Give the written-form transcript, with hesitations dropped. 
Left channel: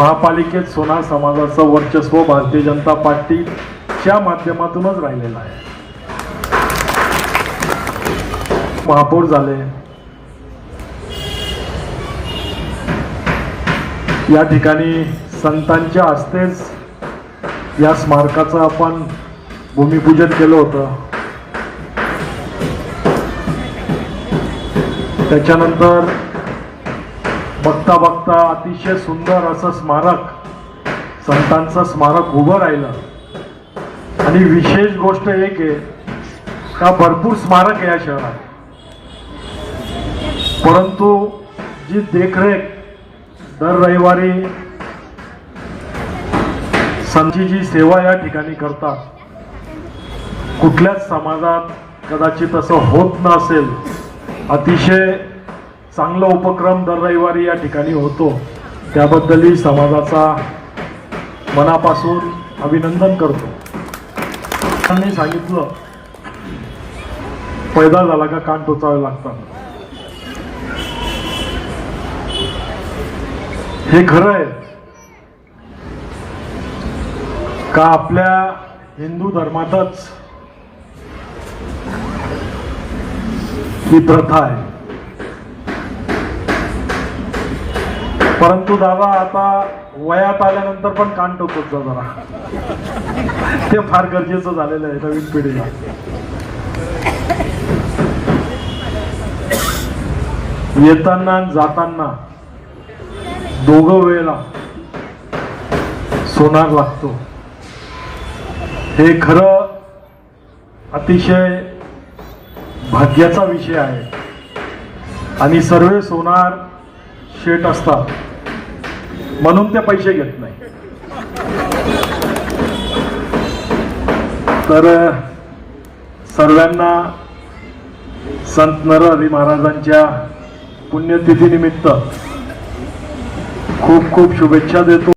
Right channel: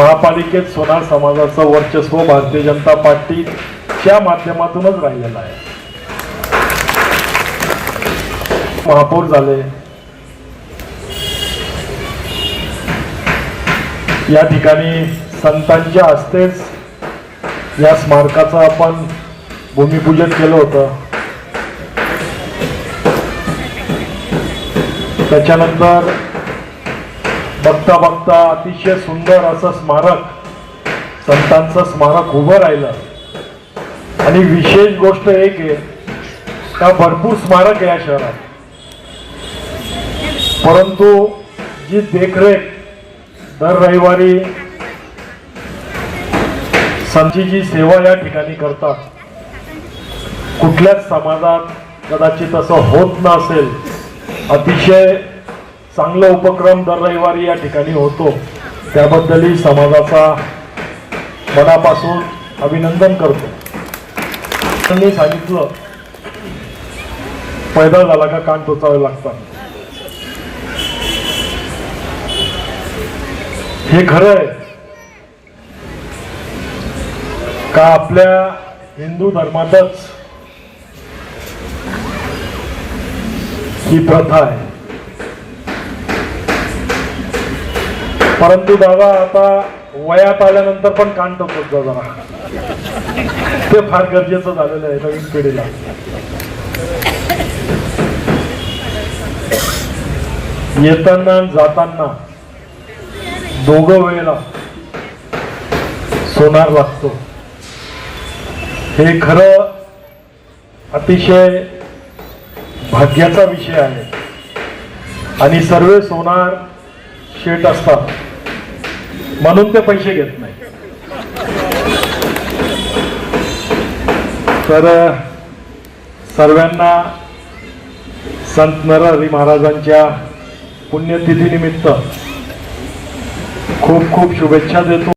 महापालिकेत सोनार समाजाचं वर्चस्व भारतीय जनता पार्टीच्या माध्यमातूनच राहिलेलं आहे. महापौर झाले, या ठिकाणी संतांच्या हस्तेच या स्मारकाचं आपण भूमिपूजन केलं होतं. त्याच्यानंतर बघता बघता अतिशय सुंदर असं स्मारक, संतांचं स्मारक उभं राहिलंय. आणि विशेष गोष्ट एक आहे का भरपूर स्मारक या शहरात, परंतु जी देखरेख दर रविवारी संतांची जी सेवा या ठिकाणी करतात, कुठल्याच समाजात कदाचित असं होत नसेल. अतिशय चांगला उपक्रम दर रविवारी या ठिकाणी होतो, त्याबद्दलही समाजाचा मनापासून अभिनंदन करतो. मी सांगितलं पैदा झाला का कान टोचावे लागतात, हे खरं आहे का? आपल्या हिंदू धर्मातच ही प्रथा आहे. परंतु दादा आता वयात आल्यानंतर पण कान टोचत जा जरा, ते फार गरजेचं झालेलं आहे नवीन पिढीला. येताना जाताना दोघं वेळेला सोनार लागतो, हे खरं अतिशय भाग्याचा विषय आहे. आणि सर्व सोनार शेट असतात म्हणून ते पैसे घेत नाही. तर सर्वांना संत नरहरी महाराजांच्या पुण्यतिथीनिमित्त खूप खूप शुभेच्छा देतो.